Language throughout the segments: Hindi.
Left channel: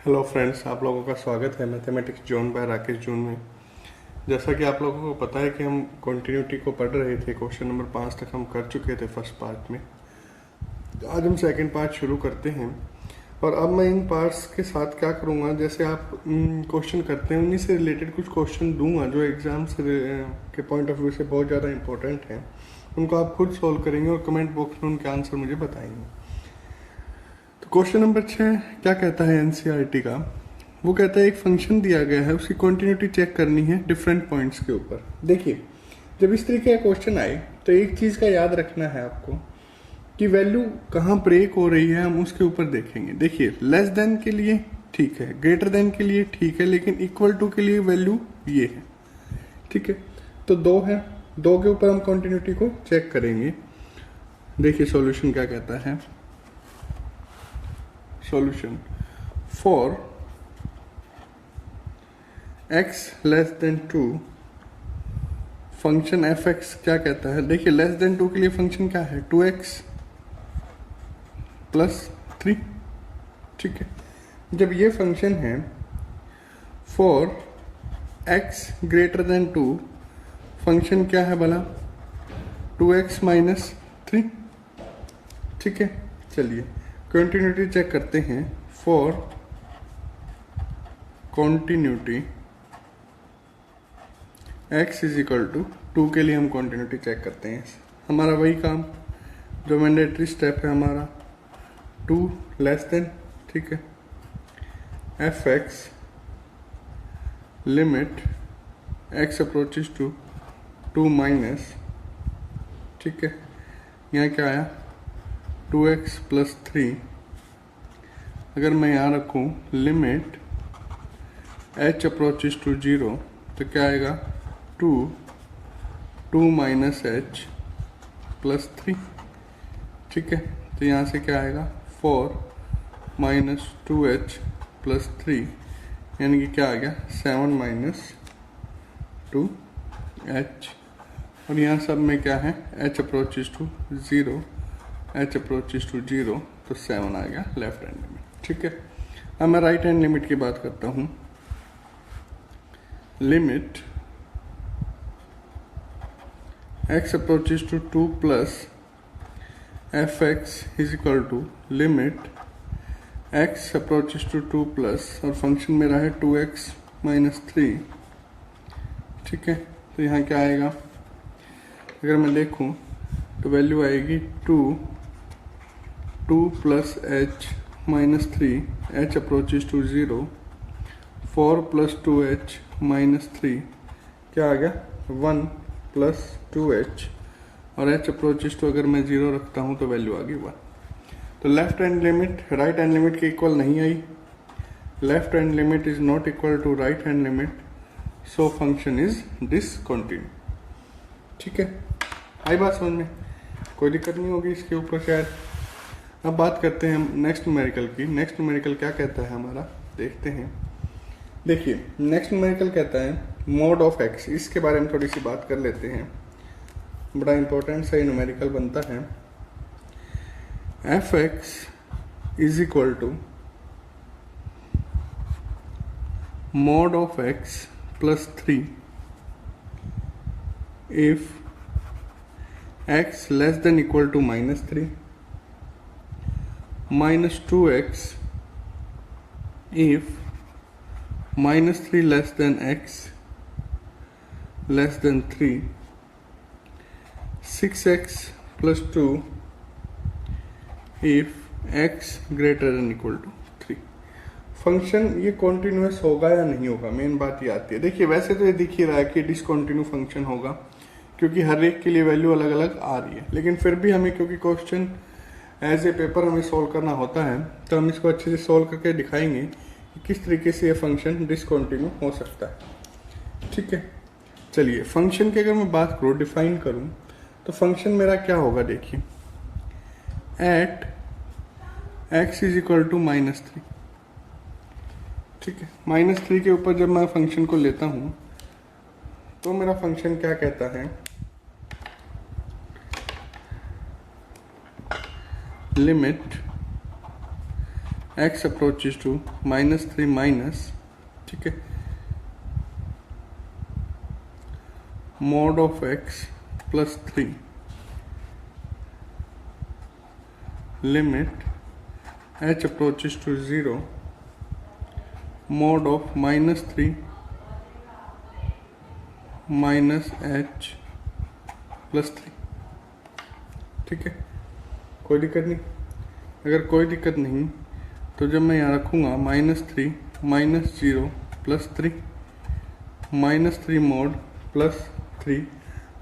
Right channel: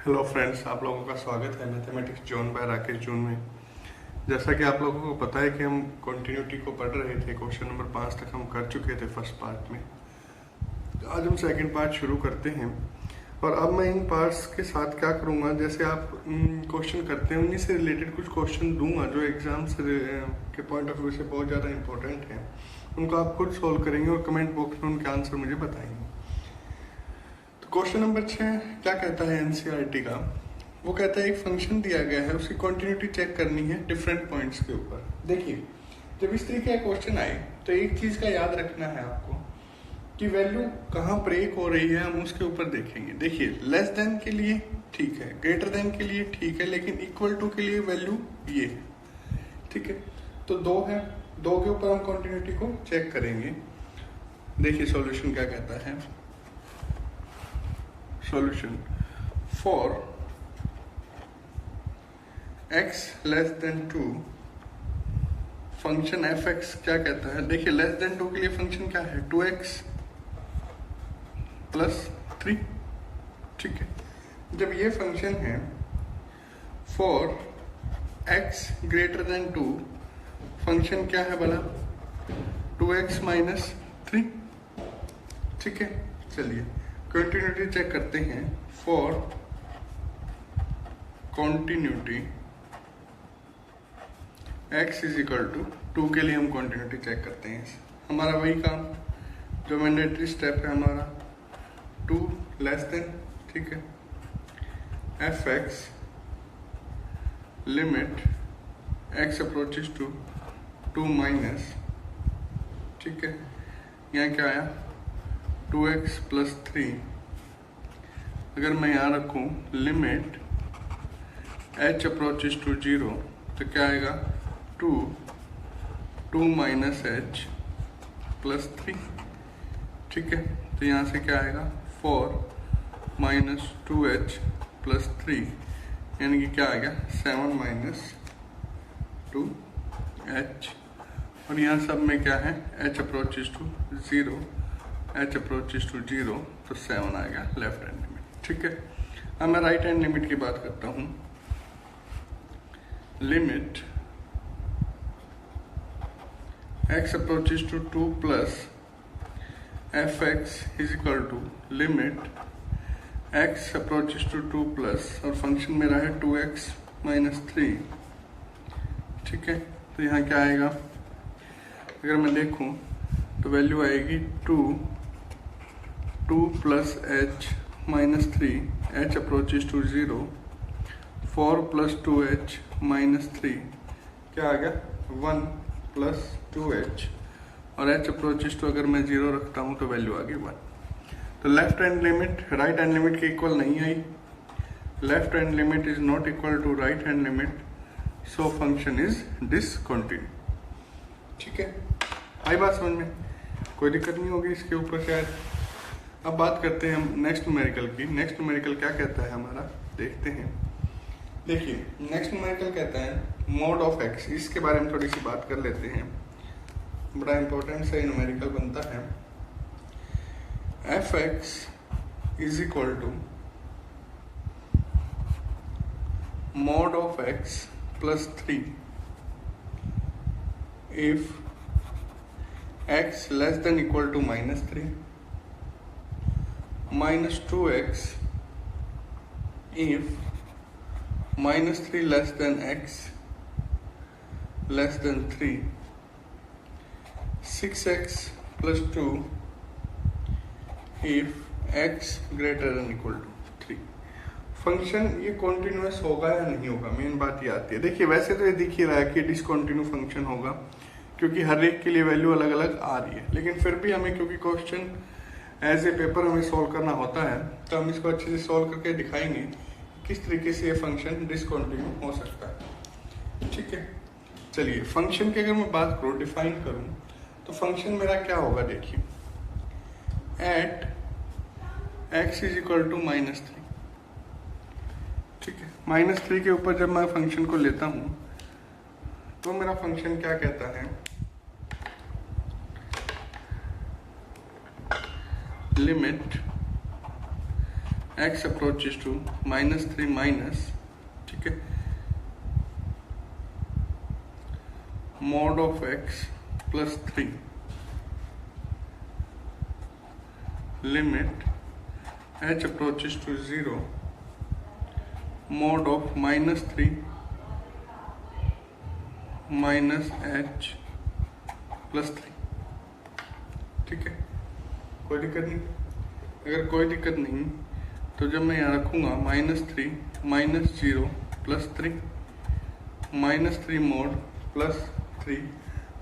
हेलो फ्रेंड्स, आप लोगों का स्वागत है mathematics zone by Rakesh zone में। जैसा कि आप लोगों को पता है कि हम कंटिन्यूटी को पढ़ रहे थे, क्वेश्चन नंबर 5 तक हम कर चुके थे फर्स्ट पार्ट में। आज हम सेकंड पार्ट शुरू करते हैं और अब मैं इन पार्ट्स के साथ क्या करूंगा, जैसे आप क्वेश्चन करते हैं उन्हीं से रिलेटेड कुछ क्वेश्चन दूंगा जो एग्जाम्स के पॉइंट ऑफ व्यू से बहुत ज़्यादा इंपॉर्टेंट हैं। उनको आप खुद सोल्व करेंगे और कमेंट बॉक्स में उनके आंसर मुझे बताएंगे। क्वेश्चन नंबर 6 क्या कहता है एनसीईआरटी का? वो कहता है एक फंक्शन दिया गया है, उसकी कंटिन्यूटी चेक करनी है डिफरेंट पॉइंट्स के ऊपर। देखिए, जब इस तरीके का क्वेश्चन आए तो एक चीज का याद रखना है आपको कि वैल्यू कहाँ ब्रेक हो रही है, हम उसके ऊपर देखेंगे। देखिए, लेस देन के लिए ठीक है, ग्रेटर देन के लिए ठीक है, लेकिन इक्वल टू के लिए वैल्यू ये है। ठीक है, तो 2 है, 2 के ऊपर हम कंटिन्यूटी को चेक करेंगे। देखिए सॉल्यूशन क्या कहता है। Solution for x less then 2 function F x क्या कहता है। देखिए, लेस देन 2 के लिए फंक्शन क्या है, 2x प्लस 3। ठीक है, जब ये फंक्शन है for x greater then 2, function क्या है भला, 2x माइनस 3। ठीक है, चलिए कंटिन्यूटी चेक करते हैं। For continuity x is equal to 2 के लिए हम कंटिन्यूटी चेक करते हैं। हमारा वही काम जो मैंडेटरी स्टेप है हमारा, 2 लेस देन, ठीक है, f x limit x approaches to 2 minus, ठीक है, यहाँ क्या आया 2x प्लस 3। अगर मैं यहाँ रखूँ लिमिट h अप्रोचेस टू 0 तो क्या आएगा 2 माइनस h प्लस 3। ठीक है, तो यहाँ से क्या आएगा 4 माइनस 2h प्लस 3, यानी कि क्या आ गया 7 माइनस 2h। और यहाँ सब में क्या है h approaches to 0, h approaches to 0, तो 7 आ गया लेफ्ट हैंड लिमिट। ठीक है, अब मैं राइट हैंड लिमिट की बात करता हूँ। Limit x approaches to 2 plus f x is equal to limit x approaches to 2 plus, और फंक्शन मेरा है 2x माइनस 3। ठीक है, तो यहाँ क्या आएगा, अगर मैं देखूँ तो वैल्यू आएगी 2 plus h minus 3, h approaches to 0, 4 plus 2h minus 3, क्या आ गया 1 प्लस 2h, और h अप्रोचेस टू अगर मैं 0 रखता हूँ तो वैल्यू आ गई 1। तो left hand limit right hand limit के इक्वल नहीं आई। Left hand limit is not equal to right hand limit, so function is discontinue. ठीक है, आई बात समझ में, कोई दिक्कत नहीं होगी इसके ऊपर शायद। अब बात करते हैं हम नेक्स्ट न्यूमेरिकल की। नेक्स्ट न्यूमेरिकल क्या कहता है हमारा, देखते हैं। देखिए, नेक्स्ट न्यूमेरिकल कहता है मोड ऑफ एक्स। इसके बारे में थोड़ी सी बात कर लेते हैं, बड़ा इंपॉर्टेंट सा न्यूमेरिकल बनता है। F x is equal to mod of x plus 3 if x less than equal to minus 3, minus 2x if minus 3 less than x less than 3, 6x plus 2 if x greater than equal to 3। Function ये कॉन्टिन्यूस होगा या नहीं होगा, मेन बात ये आती है। देखिए, वैसे तो ये दिख ही रहा है कि डिसकंटिन्यू फंक्शन होगा, क्योंकि हर एक के लिए वैल्यू अलग अलग आ रही है। लेकिन फिर भी हमें, क्योंकि क्वेश्चन एज ए पेपर हमें सॉल्व करना होता है, तो हम इसको अच्छे से सॉल्व करके दिखाएंगे कि किस तरीके से ये फंक्शन डिसकंटिन्यू हो सकता है। ठीक है, चलिए फंक्शन की अगर मैं बात करूँ, डिफाइन करूँ, तो फंक्शन मेरा क्या होगा। देखिए, at x is equal to minus 3। ठीक है, माइनस 3 के ऊपर जब मैं फंक्शन को लेता हूँ तो मेरा फंक्शन क्या कहता है, limit x approaches to -3 minus, ठीक है, mod of x plus 3 limit h approaches to 0 mod of -3 minus h plus 3, ठीक है। कोई दिक्कत नहीं। अगर कोई दिक्कत नहीं तो जब मैं यहाँ रखूँगा -3 minus 0 plus 3 -3 mode plus 3,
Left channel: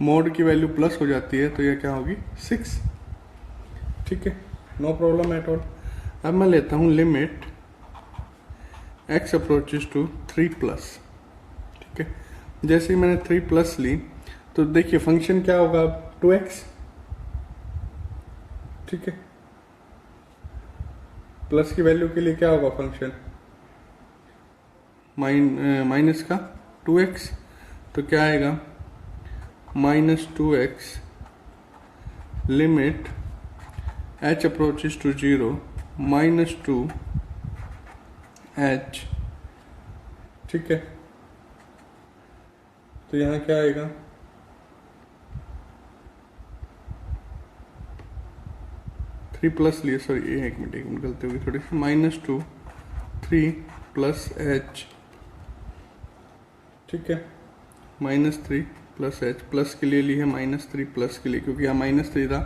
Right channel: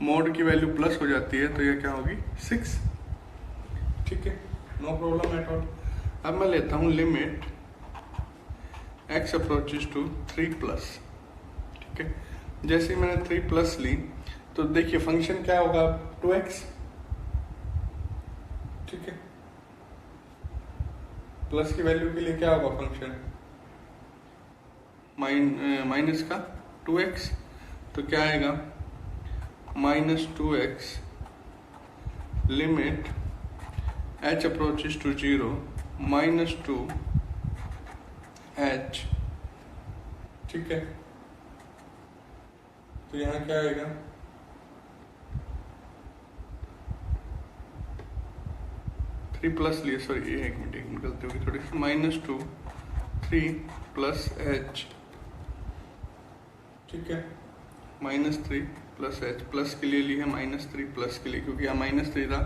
mode की वैल्यू प्लस हो जाती है तो यह क्या होगी 6, ठीक है, नो प्रॉब्लम एट ऑल। अब मैं लेता हूँ limit x approaches to 3 plus, ठीक है। जैसे ही मैंने 3 प्लस ली तो देखिए फंक्शन क्या होगा, 2x, ठीक है। प्लस की वैल्यू के लिए क्या होगा फंक्शन, माइनस का 2x, तो क्या आएगा -2x limit h approaches to 0 -2 h, ठीक है। तो यहां क्या आएगा, थ्री प्लस लिए, सॉरी एक मिनट गलती होगी थोड़ी सी, -2 3 प्लस h, ठीक है, -3 प्लस h, प्लस के लिए ली है -3 प्लस के लिए, क्योंकि यहाँ -3 था।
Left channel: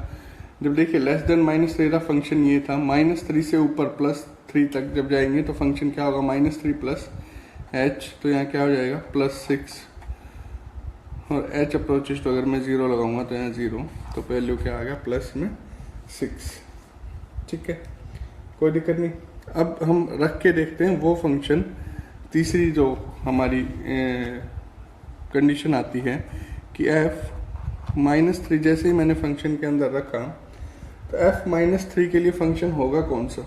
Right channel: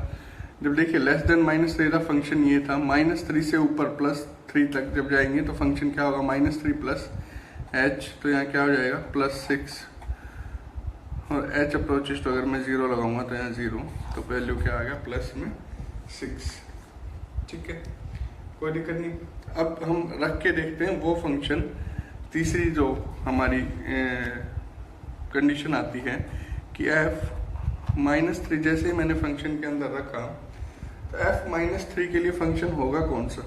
जब देखिए लेस देन -3 था फंक्शन ये था, -3 से ऊपर +3 तक जब जाएंगे तो फंक्शन क्या होगा, -3 प्लस h, तो यहाँ क्या हो जाएगा +6, और h अप्रोचेस तो अगर मैं 0 लगाऊंगा तो यहाँ 0, तो वैल्यू क्या आ गया +6, ठीक है, कोई दिक्कत नहीं। अब हम रख के देखते हैं वो फंक्शन, तीसरी जो हमारी कंडीशन आती है कि f-3, जैसे ही मैंने फंक्शन के अंदर रखा तो f-3 के लिए फंक्शन होगा कौन सा।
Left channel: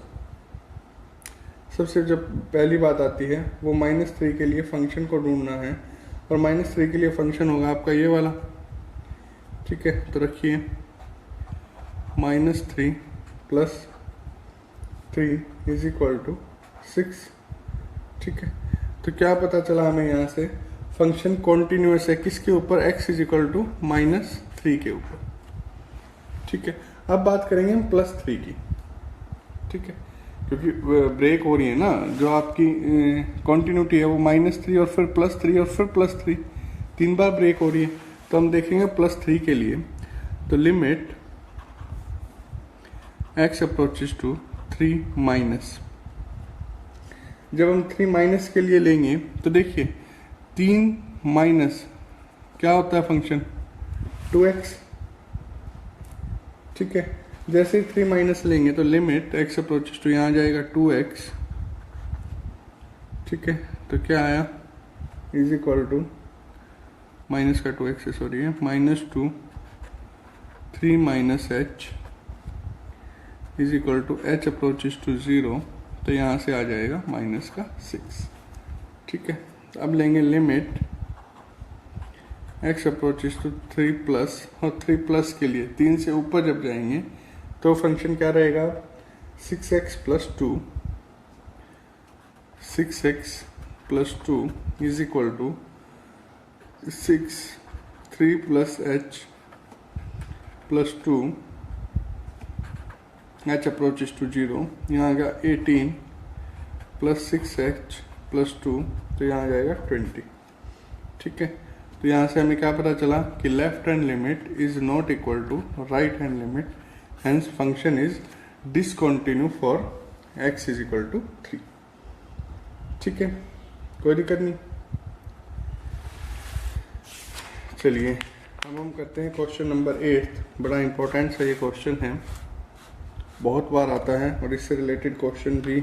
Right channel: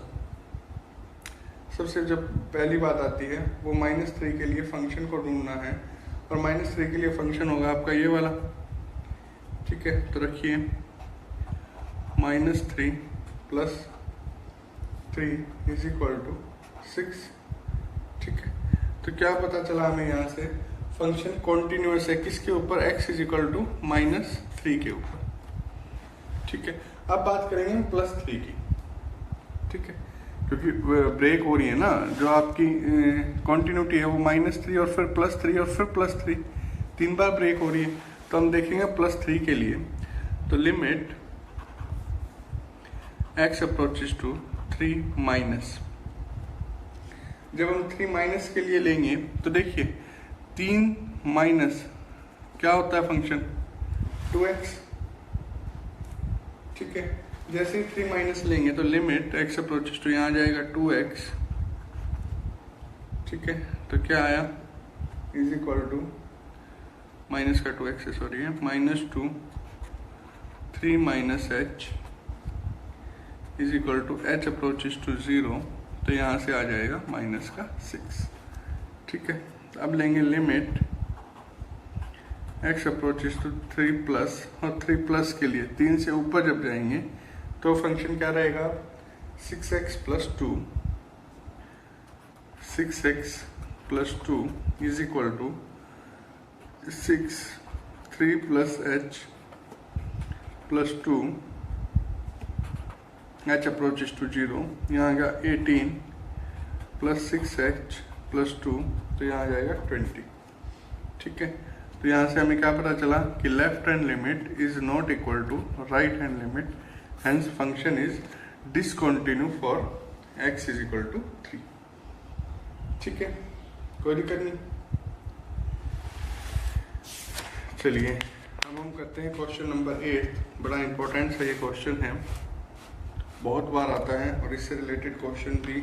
सबसे जब पहली बात आती है वो -3 के लिए फंक्शन को ढूंढना है, और -3 के लिए फंक्शन होगा आपका ये वाला, ठीक है। तो रखिए -3 प्लस 3 इज इक्वल टू 6, ठीक है। तो क्या पता चला हमें यहाँ से, फंक्शन कॉन्टिन्यूअस है किसके ऊपर, x इज इक्वल टू -3 के ऊपर, ठीक है। अब बात करेंगे हम +3 की, ठीक है, क्योंकि ब्रेक हो रही है ना, जो आपकी कॉन्टिन्यूटी है वो -3 और फिर +3 और फिर +3, 3 बार ब्रेक हो रही है। तो हम देखेंगे +3 के लिए, तो limit x approaches to 3 minus, जब हम 3 माइनस के लिए लेंगे तो देखिए 3 माइनस क्या होता है फंक्शन 2x, ठीक है। जैसे ही 3 माइनस लेंगे तो लिमिट x अप्रोचेस टू यहाँ जाएगा 2x, ठीक है। तो क्या आया इज इक्वल टू माइनस का 2x, सॉरी है -2 3 minus h is equal to h approaches to 0, तो यहाँ से आ जाएगा -6, ठीक है। अब लेंगे limit x approaches to 3 plus, और 3 प्लस के लिए 3 से ऊपर जब जाएंगे तो फंक्शन क्या रहेगा 6x plus 2, 6x plus 2 is equal to 6 3 plus h plus 2 h approaches to 0, यहाँ आ गया 18 प्लस 6h प्लस 2, तो यहाँ आ जाएगा 20, ठीक है। तो यहाँ से हमें क्या पता चला कि left hand limit is not equal to right hand limit, hence function is discontinue for x is equal to 3, ठीक है, कोई दिक्कत नहीं। चलिए अब हम करते हैं क्वेश्चन नंबर 8। बड़ा इंपॉर्टेंट सा ये क्वेश्चन है, बहुत बार आता है, और इससे रिलेटेड क्वेश्चन भी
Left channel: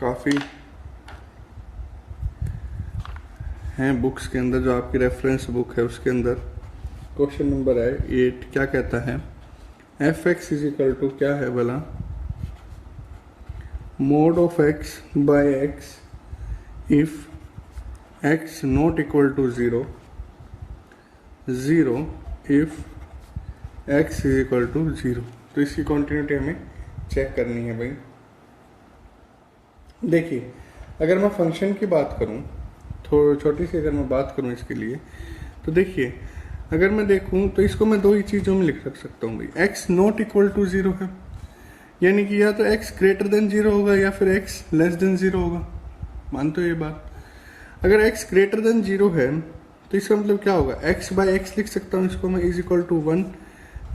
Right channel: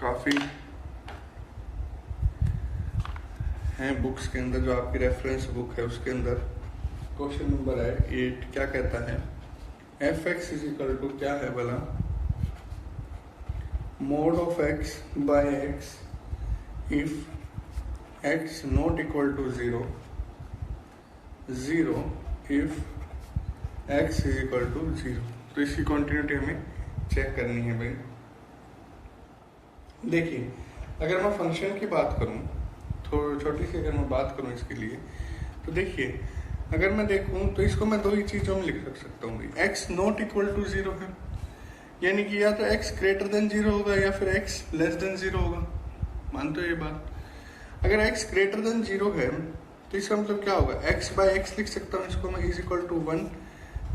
काफ़ी हैं बुक्स के अंदर, जो आपकी रेफरेंस बुक है उसके अंदर। क्वेश्चन नंबर है 8, क्या कहता है f(x) इज इक्वल टू क्या है बोला, mod of x by x if x not equal to 0, 0 if x is equal to 0। तो इसकी कॉन्टिन्यूटी हमें चेक करनी है भाई। देखिए अगर मैं फंक्शन की बात करूं, थोड़ी छोटी सी अगर मैं बात करूं इसके लिए, तो देखिए अगर मैं देखूं तो इसको मैं दो ही चीजों में लिख सकता हूँ भाई, x नॉट इक्वल टू 0 है, यानी कि या तो x ग्रेटर देन 0 होगा या फिर x लेस देन 0 होगा। मानते हो ये बात? अगर x ग्रेटर देन 0 है तो इसका मतलब क्या होगा, x बाय x लिख सकता हूँ इसको मैं, is equal to 1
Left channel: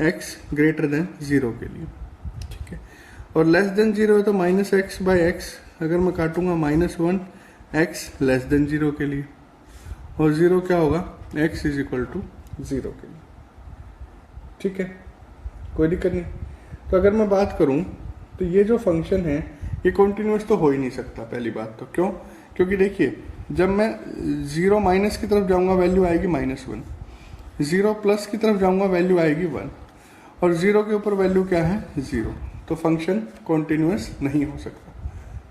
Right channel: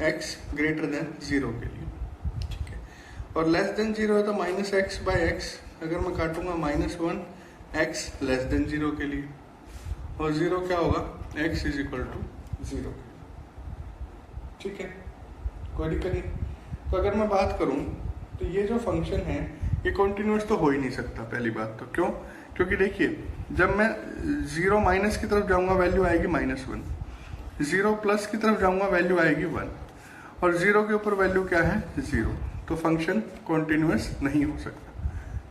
x greater than 0 के लिए, ठीक है। और लेस देन 0 है तो माइनस एक्स बाय एक्स, अगर मैं काटूंगा -1 x लेस देन 0 के लिए, और 0 क्या होगा, x इज इक्वल टू 0 के लिए, ठीक है, कोई दिक्कत नहीं। तो अगर मैं बात करूं तो ये जो फंक्शन है ये कॉन्टिन्यूस तो हो ही नहीं सकता, पहली बात तो। क्यों? क्योंकि देखिए जब मैं 0 माइनस की तरफ जाऊंगा वैल्यू आएगी -1, 0 प्लस की तरफ जाऊंगा वैल्यू आएगी 1, और 0 के ऊपर वैल्यू क्या है, 0। तो फंक्शन कॉन्टिन्यूस नहीं हो सकता,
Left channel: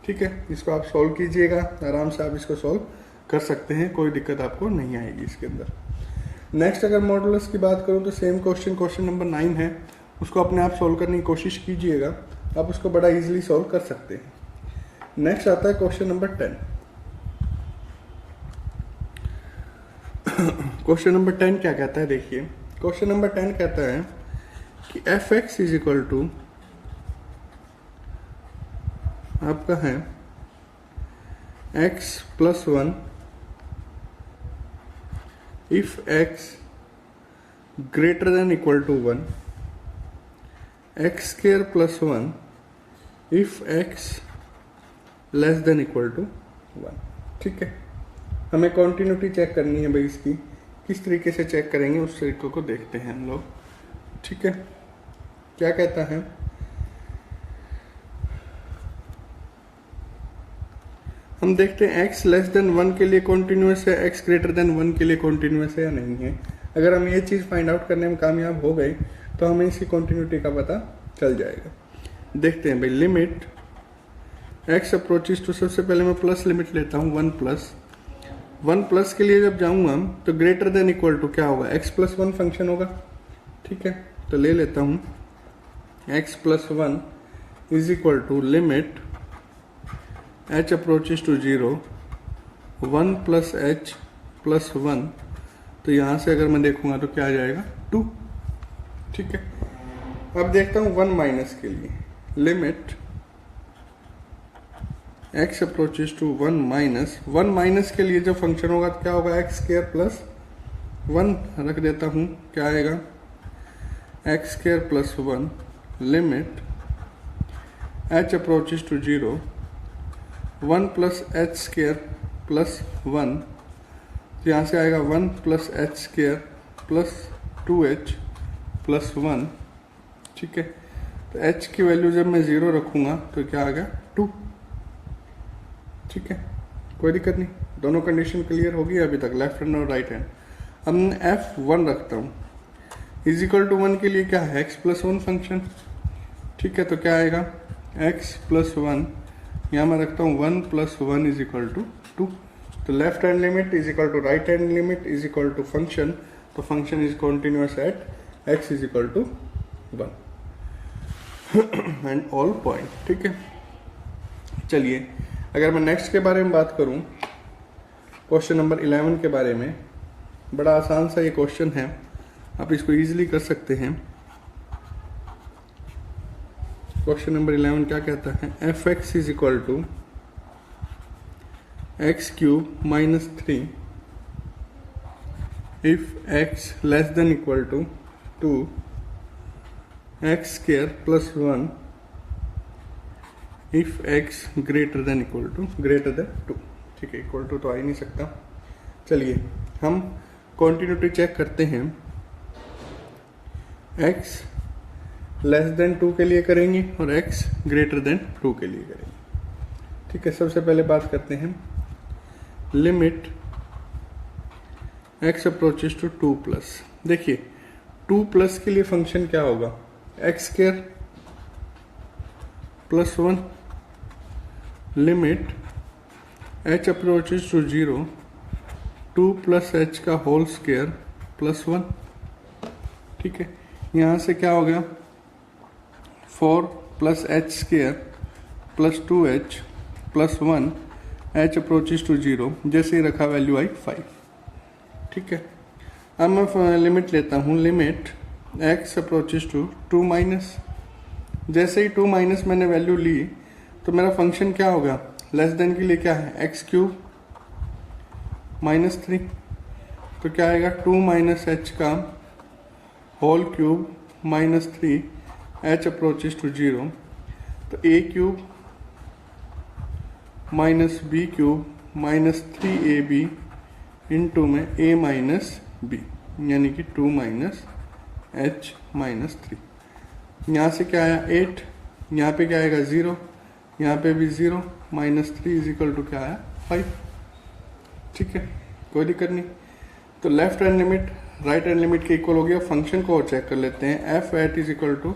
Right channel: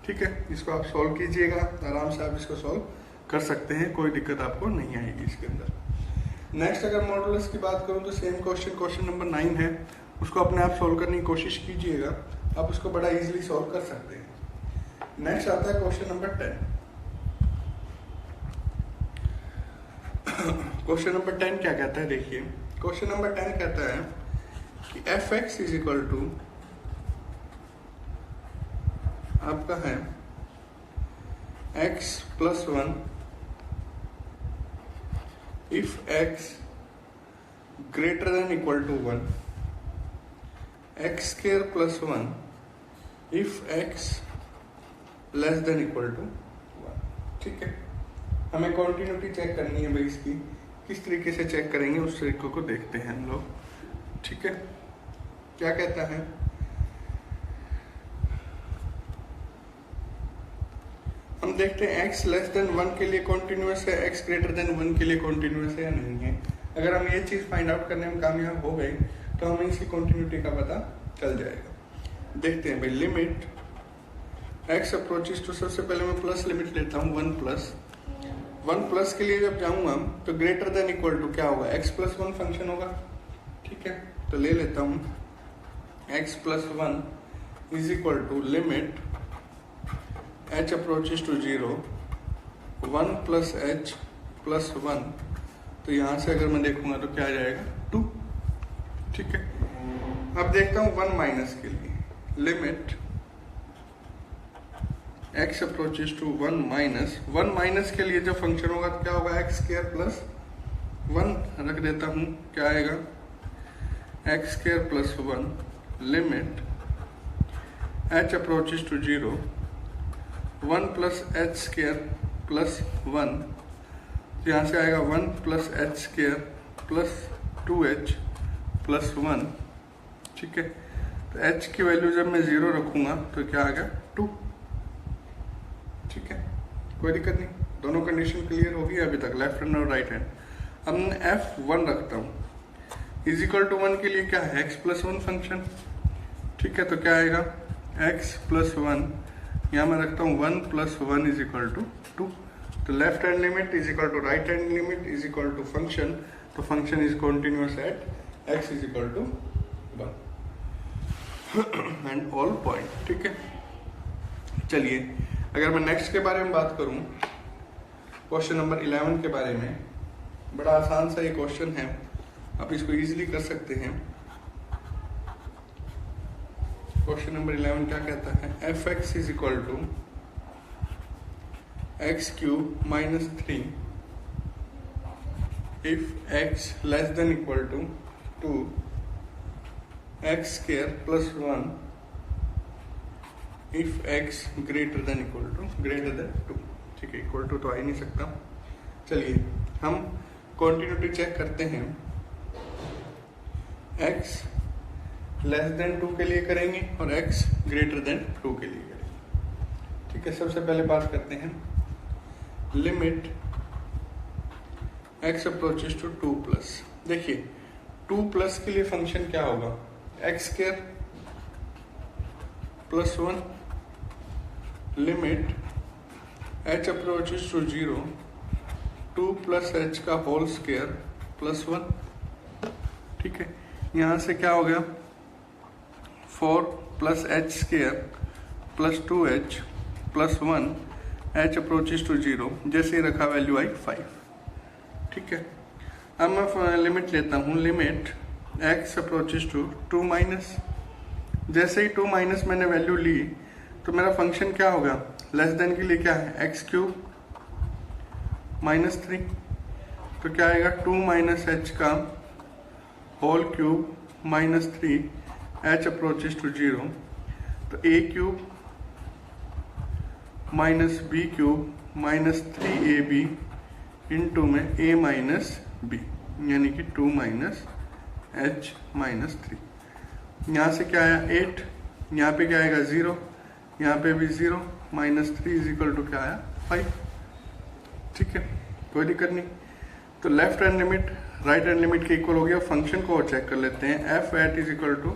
ठीक है। इसको आप सॉल्व कीजिएगा, आराम से आप इसको सॉल्व कर सकते हैं, कोई दिक्कत आपको नहीं आएगी इसके अंदर। नेक्स्ट अगर मॉडुलस की बात करूं तो सेम क्वेश्चन नंबर 9 है, उसको अपने आप सॉल्व करने की कोशिश कीजिएगा, आप उसको बड़ा इजीली सॉल्व कर सकते हैं। नेक्स्ट आता है क्वेश्चन नंबर 10। क्वेश्चन नंबर 10 क्या कहता है, देखिए क्वेश्चन नंबर 10 कहता है कि f x is equal to आपका है x plus 1 if x greater than equal to 1, x square plus 1 if x less than equal to 1, ठीक है। हमें कॉन्टिन्यूटी चेक करनी है भाई, इसकी किस तरीके से चेक करेंगे उस तरीके को देखते हैं हम लोग, ठीक है। क्या कहता है, हम देखते हैं x लेस देन 1 के लिए कॉन्टिन्यूस है, x ग्रेटर देन 1 के लिए कॉन्टिन्यूस है या नहीं है। अगर हम ये चीज फाइंड आउट करने में कामयाब हो गए तो हमें इसकी कॉन्टिन्यूटी का पता चल जाएगा। देखते हैं भाई, लिमिट x अप्रोचेस टू, सबसे पहले मैं प्लस लिमिट लेता हूं 1 प्लस के लिए जब जाऊंगा तो ग्रेटर देन इक्वल टू क्या होगा, x प्लस 1 फंक्शन होगा, ठीक है। तो ले लेता हूं x plus 1 is equal to limit h approaches to 0 1 plus h plus 1, तो यहां से अगर मैं देखूंगा तो क्या आ जाएगा, 2, ठीक है। अब देखता हूं 1 माइनस के लिए, limit x approaches to 1 minus के लिए जो फंक्शन होगा तो क्या होगा, x स्क्वायर प्लस 1 रख देता हूं, क्या आएगा, x square plus 1 limit h approaches to 0 1 plus h square plus 1, यहां से आएगा 1 plus h square plus 2h plus 1, ठीक है। तो h की वैल्यू जब मैं 0 रखूंगा तो क्या आ गया, 2, ठीक है, कोई दिक्कत नहीं। दोनों कंडीशन क्लियर होगी अभी तक, लेफ्ट हैंड और राइट हैंड। अब मैं f1 रखता हूं, इज इक्वल टू 1 के लिए क्या है, x प्लस 1 फंक्शन, ठीक है। तो क्या आएगा, x प्लस 1, यहां मैं रखता हूं 1 प्लस 1 इज इक्वल टू 2। तो left hand limit is equal to right hand limit is equal to function, तो function is continuous at x is equal to 1 and all point, ठीक है। चलिए अगर मैं नेक्स्ट के बारे में बात करूं, क्वेश्चन नंबर 11 के बारे में, बड़ा आसान सा ये क्वेश्चन है, आप इसको इजीली कर सकते हैं। क्वेश्चन नंबर 11 क्या कहता है, f x is equal to x cube minus 3 if x less than equal to 2 x square plus 1 if x greater than equal to 2, ठीक है। इक्वल टू तो आ ही नहीं सकता। चलिए हम कॉन्टिन्यूटी चेक करते हैं, x लेस देन 2 के लिए करेंगे और x ग्रेटर देन 2 के लिए करेंगे, ठीक है। सबसे पहले बात करते हैं limit x approaches to 2 plus, देखिए 2 प्लस के लिए फंक्शन क्या होगा, x square plus 1 limit h approaches to 0 2 plus h का होल स्क्वायर प्लस 1, ठीक है। यहां से क्या हो गया, 4 plus h square plus 2h plus 1 h approaches to 0, जैसे ही रखा वैल्यू आई 5। ठीक है, अब मैं लिमिट लेता हूँ, limit x approaches to 2 minus, जैसे ही 2 माइनस मैंने वैल्यू ली तो मेरा फंक्शन क्या होगा, लेस देन के लिए क्या है x क्यूब माइनस 3, तो क्या आएगा 2 माइनस एच का whole cube minus 3 h approaches to 0, तो a cube minus b cube minus 3ab into में a माइनस बी, यानी कि 2 माइनस h माइनस 3। यहाँ से क्या आया 8, यहाँ पे क्या आएगा 0, यहाँ पे भी 0, माइनस 3 इज इक्वल टू क्या आया 5। ठीक है, कोई दिक्कत नहीं। तो left hand limit right hand limit के इक्वल हो गया। फंक्शन को और चेक कर लेते हैं, f at is equal to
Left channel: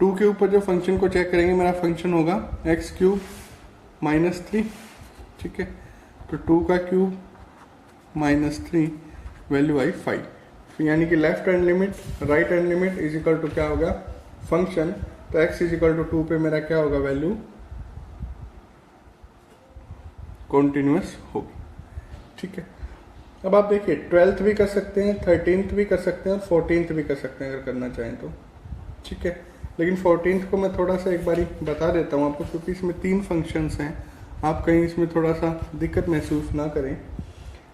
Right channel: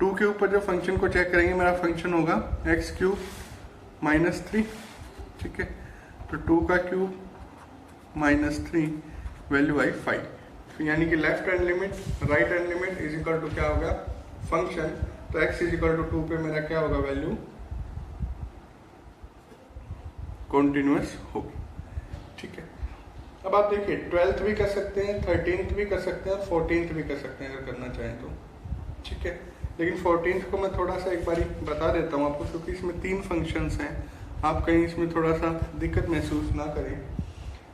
2 के ऊपर जो फंक्शन को चेक करेंगे मेरा फंक्शन होगा एक्स क्यूब माइनस 3। ठीक है, तो 2 का क्यूब माइनस 3 वैल्यू आई 5, यानी कि left hand limit right hand limit is equal to क्या होगा फंक्शन, तो x इज इक्वल टू 2 पे मेरा क्या होगा वैल्यू कॉन्टिन्यूअस हो। ठीक है, अब आप देखिए 12th भी कर सकते हैं, 13th भी कर सकते हैं, 14th भी कर सकते हैं अगर करना चाहें तो। ठीक है, लेकिन 14th को मैं थोड़ा सा एक बारी बता देता हूँ आपको, क्योंकि इसमें 3 फंक्शंस हैं, आप कहीं इसमें थोड़ा सा दिक्कत महसूस ना करें।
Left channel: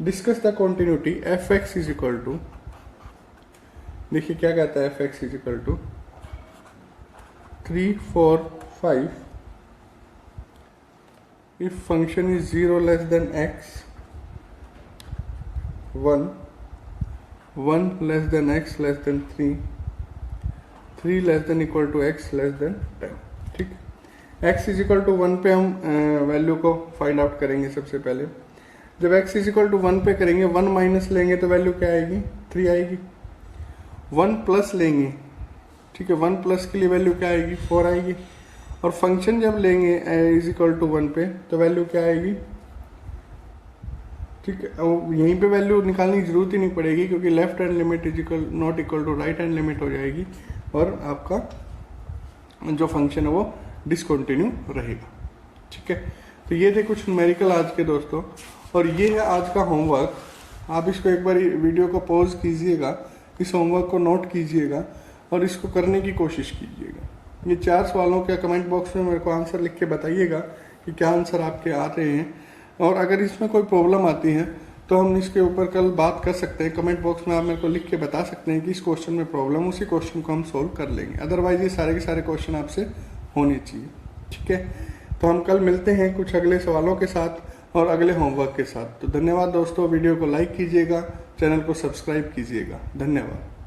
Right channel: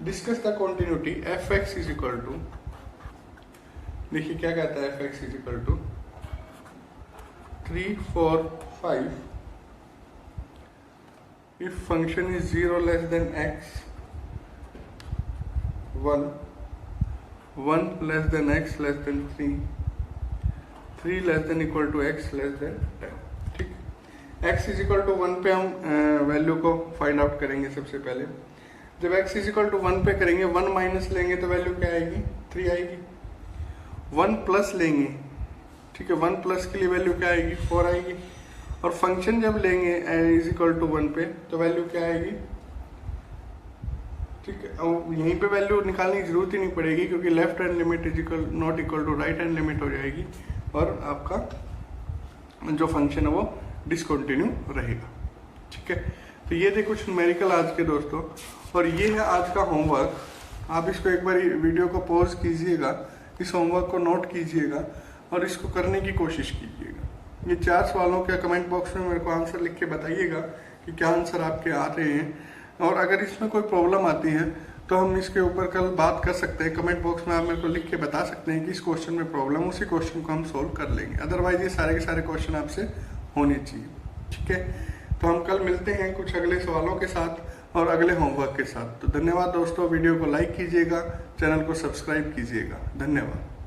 Discuss the continuity f x is equal to, देखिए क्या कहता है f x is equal to 3, 4, 5 if function is 0 less than x, 1 less than x less than 3 less than equal to x less than 10। ठीक, x इज इक्वल टू 1 पे हम वैल्यू को फाइंड आउट करेंगे। सबसे पहले जब x इज इक्वल टू 1 पे करेंगे, 1 माइनस लेंगे तो वैल्यू क्या आएगी 3 आएगी। 1 प्लस लेंगे, ठीक है, 1 प्लस के लिए वैल्यू क्या आएगी 4 आएगी। और फंक्शन जब लेंगे इज इक्वल टू 1 पे तो वैल्यू क्या आएगी। ठीक है, और यहीं पे वैल्यू निकालने की जरूरत ही नहीं पड़ेगी, क्योंकि left hand limit is equal not equal to right hand limit हो जाएगी और आपका जो फंक्शन है वो डिसकंटिन्यू रहेगा। ठीक है, तो ये थे कुछ न्यूमेरिकल आज के दोस्तों, और ये है आज का होमवर्क। आप इसको एक बार वीडियो को पॉज कीजिएगा, इस होमवर्क को नोट कीजिएगा और इसको करने की कोशिश कीजिएगा। ये 4 सवालों के कमेंट बॉक्स में मेरे को आंसर लिख के बताइएगा कि क्या आंसर आपके आ रहे हैं, और अगर इसमें कोई प्रॉब्लम आती है तो हम इसके ऊपर कल बात कर सकते हैं। कमेंट बॉक्स में आप मेरे को लिख के बता सकते हैं कि इस क्वेश्चन में प्रॉब्लम, उसी क्वेश्चन को हम सोल्व कर लेंगे। अदरवाइज ये सारे के सारे क्वेश्चन आपसे होने चाहिए। ठीक है, तो हम कल मिलते हैं कुछ अगले सवालों के साथ और अगले होमवर्क के साथ। तो धन्यवाद दोस्तों, वीडियो को लाइक कीजिएगा, चैनल को सब्सक्राइब कीजिएगा। धन्यवाद।